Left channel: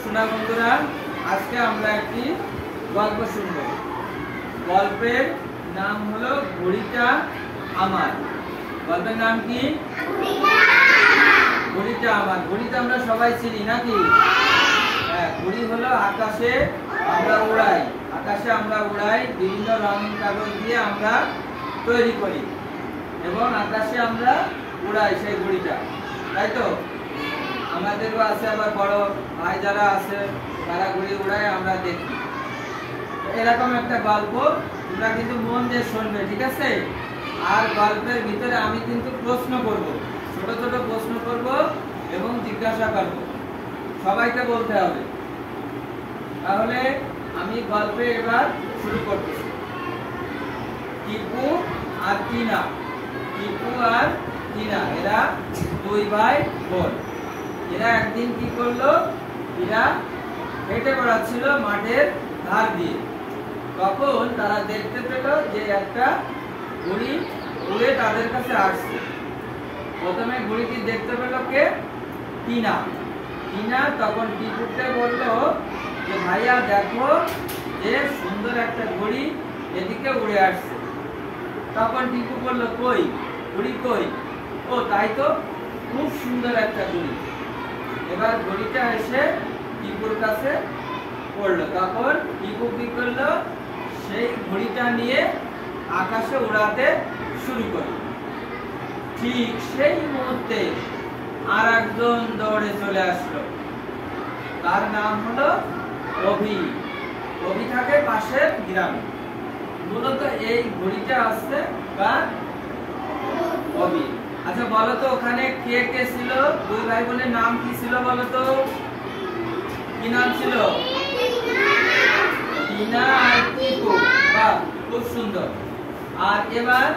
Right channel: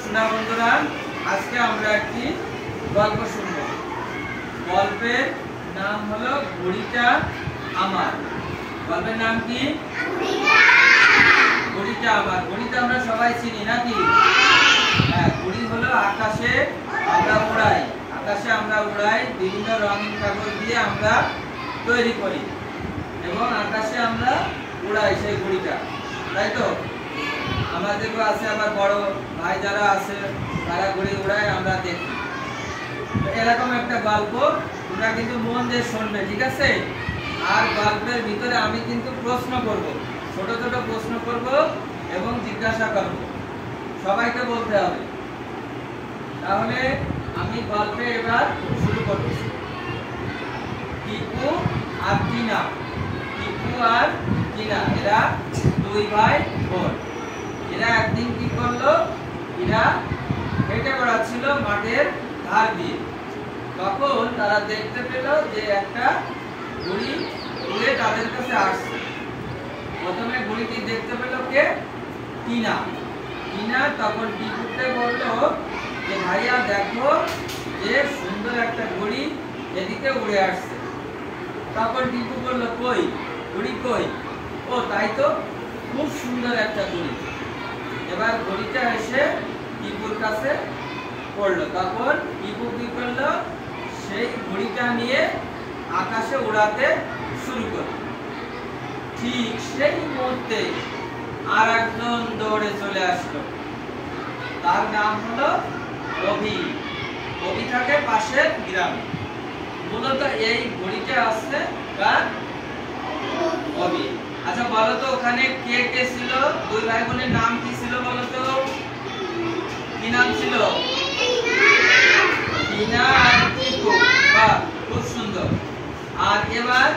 শোনা বন্ধুরা, আজকে আমরা একটি গল্প শুনব। গল্পের নাম হলো ঘড়িটা আমার। গল্পের নাম কি? ঘড়িটা আমার। ঘড়িটা আমরা সবাই চিনি নাকি? হ্যাঁ, ঘড়ি হলো আকাশে আমরা উড়াই। আকাশে আমরা উড়াই, বিভিন্ন রঙিন কাগজ দিয়ে আমরা তৈরি করি এবং আকাশে আমরা উড়াই সেই ঘড়িটা, তাই তো? আমাদেরও আছে, আবার বড় ভাই যারা আছে তারা ঘুড়ি উড়ায়, আমরা দেখি। এরকম একটা গল্প তোমরা কিন্তু মন দিয়ে শুনবে, ঠিক আছে? আর গল্পের ভিতরে আমি কিন্তু প্রশ্ন করব, ছোট ছোট প্রশ্ন করব এবং জিজ্ঞাসা করব, সবাইকে বলতে হবে। তাহলে আমি গল্পে এবার শুরু করতেছি। টিপু আর টিনা। টিপু আর টিনা এরা দুই ভাই বোন। এরা একদিন কি করলো, এরা হেঁটে বেড়াচ্ছিল মাঠের ধার দিয়ে। তখন তারা দেখতে পেল যে একটা ঘুড়ি উড়ে তাদের কাছে আসছে। প্রথমে ঘুড়িটি দেখতে পেল কে? টিনা। টিনা তখন টিপুকে বলল যে ভাইয়া দেখো, যে সুন্দর একটা ঘুড়ি এদিকে উড়ে আসছে। তখন টিপু বলল কই ঘুড়ি কই? ও তাই তো, খুব সুন্দর একটা ঘুড়ি। এবার ঘড়িটা এসে টিপুর কাছে পড়লো। তখন টিপু কি করলো, সেই ঘড়িটা নিয়ে আকাশে উড়াতে শুরু করলো। ঠিক সেই মুহূর্তে আর একজন দৌড়ে চলে আসলো। তার নাম হলো অভি। অভি থাকে পাশের গ্রামে। মূলত এই ঘড়িটা আসছে বা অভি। আচ্ছা বলো তো, ওখানে কে কে ছিল? দুই ভাই বোনের নাম কি ছিল বলো তো? কি নাম ছিল? টিনা আর টিপু। বাহ, খুব সুন্দর। আর এবার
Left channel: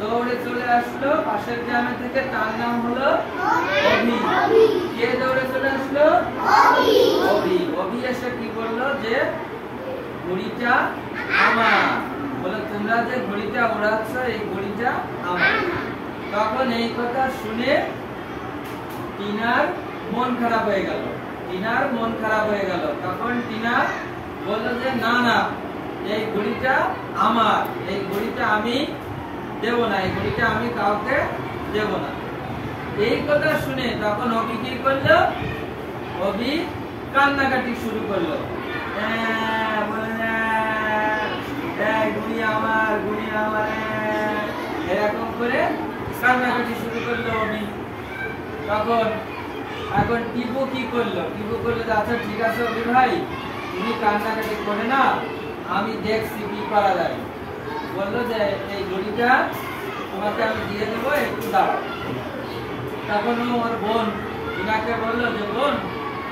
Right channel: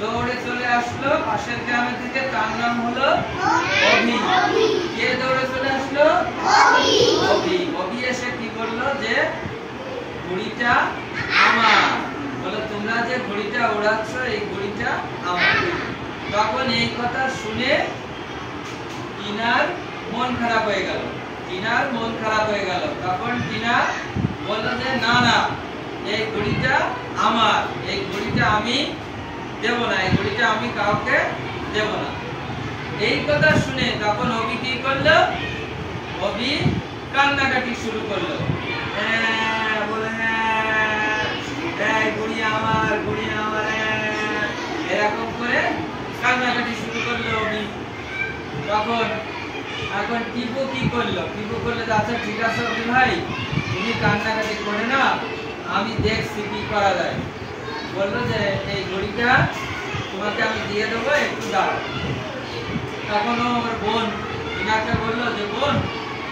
দৌড়ে চলে আসলো পাশের গ্রামে থেকে, তার নাম হলো অভি। কে দৌড়ে চলে আসলো? অভি। অভি এসে কি করলো, যে ঘড়িটা আমার, বলে তোমরা যে ঘড়িটা উড়াচ্ছ এই ঘড়িটা আমার। তখন এই কথা শুনে টিনার মন খারাপ হয়ে গেল। টিনার মন খারাপ হয়ে গেল। তখন টিনা বলল যে না না, এই ঘড়িটা আমার, এই ঘড়িটা আমি দেব না, এই ঘড়িটা আমি কাউকে দেব না। এই কথা শুনে তখন অভি কি করলো, অভি কান্নাকাটি শুরু করলো। বলে এই ঘড়ি আমার, ঘড়ি আমার, এরকম করে কান্নাকাটি শুরু করলো অভি। তখন এখন টিপু কি করলো? টিপু করলো আচ্ছা ঠিক আছে অভি ভাই, তুমি কান্নাকাটি করে না, আমি দেখছি কি করা যায়। বললো যে এই ঘড়িটা তোমাকে আমি দিয়ে দেবো, একটু দাঁড়াও। তখন ওর বোন টিনাকে বললো যে বোন,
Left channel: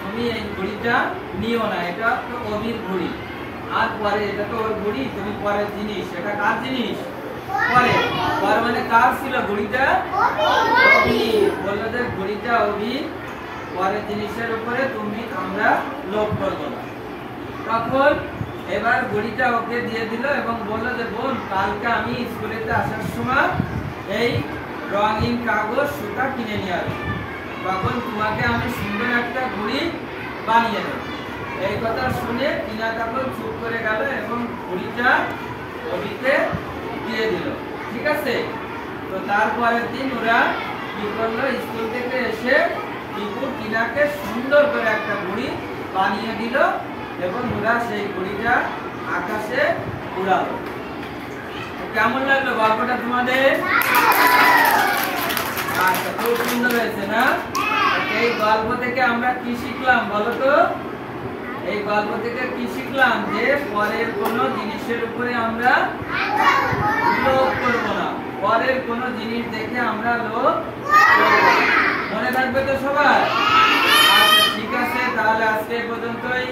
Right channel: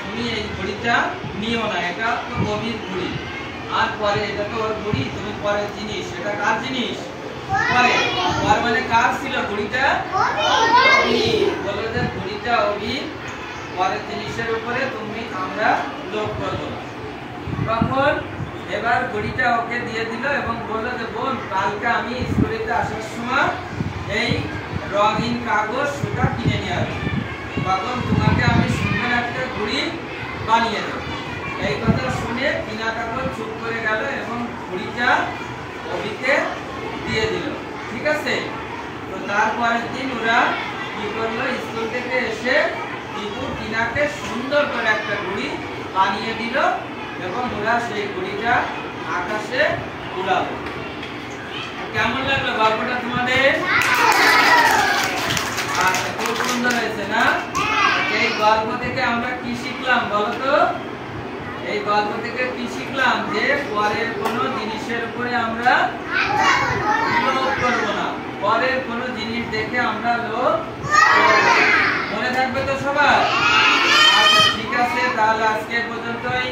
তুমি এই ঘড়িটা নিও না, এটা তো অভির ঘড়ি। আর পরে এটা তো ওর ঘড়ি, তুমি পরের জিনিস, এটা কার জিনিস? পরে। পর মানে কার ছিল ঘড়িটা? অভি। বললো যে ঘড়িটা অভি, পরের জিনিসের উপরে তুমি আমরা লোভ করবো না। তখন এবার ঘড়িটা ওকে দিয়ে দিল এবং বললো যে বোন, কালকে আমি স্কুলেতে আসার সময় এই রঙিন কাগজ সুতা কিনে নিয়ে আসবো, তখন তোমাকে আমি সুন্দর একটা ঘড়ি বানিয়ে দেবো। এই কথা শুনে টিনা কাগজ চুপ করে গেল এবং ঘড়িটা অভিকে দিয়ে দিল, ঠিক আছে? তো তারপরের দিন ওরা কি করলো, স্কুল থেকে এসে টিপু টিনাকে সুন্দর করে একটা ঘড়ি বানিয়ে দিল এবং ওরা সেই ঘড়িটা আকাশে উড়ালো। কেমন লাগলো গল্পটা তোমাদের? আচ্ছা, খুব সুন্দর হয়েছে না? এই গল্প থেকে আমরা কি শিখলাম বলো তো? এই গল্প থেকে কি শিখলাম, যে পরের কোনো জিনিসের উপরে আমরা লোভ করব না, পরের কোনো জিনিস দেখে আমরা লোভ করব না। মনে থাকবে তো সবার? আচ্ছা ঠিক আছে, তাহলে আজকে পর্যন্তই।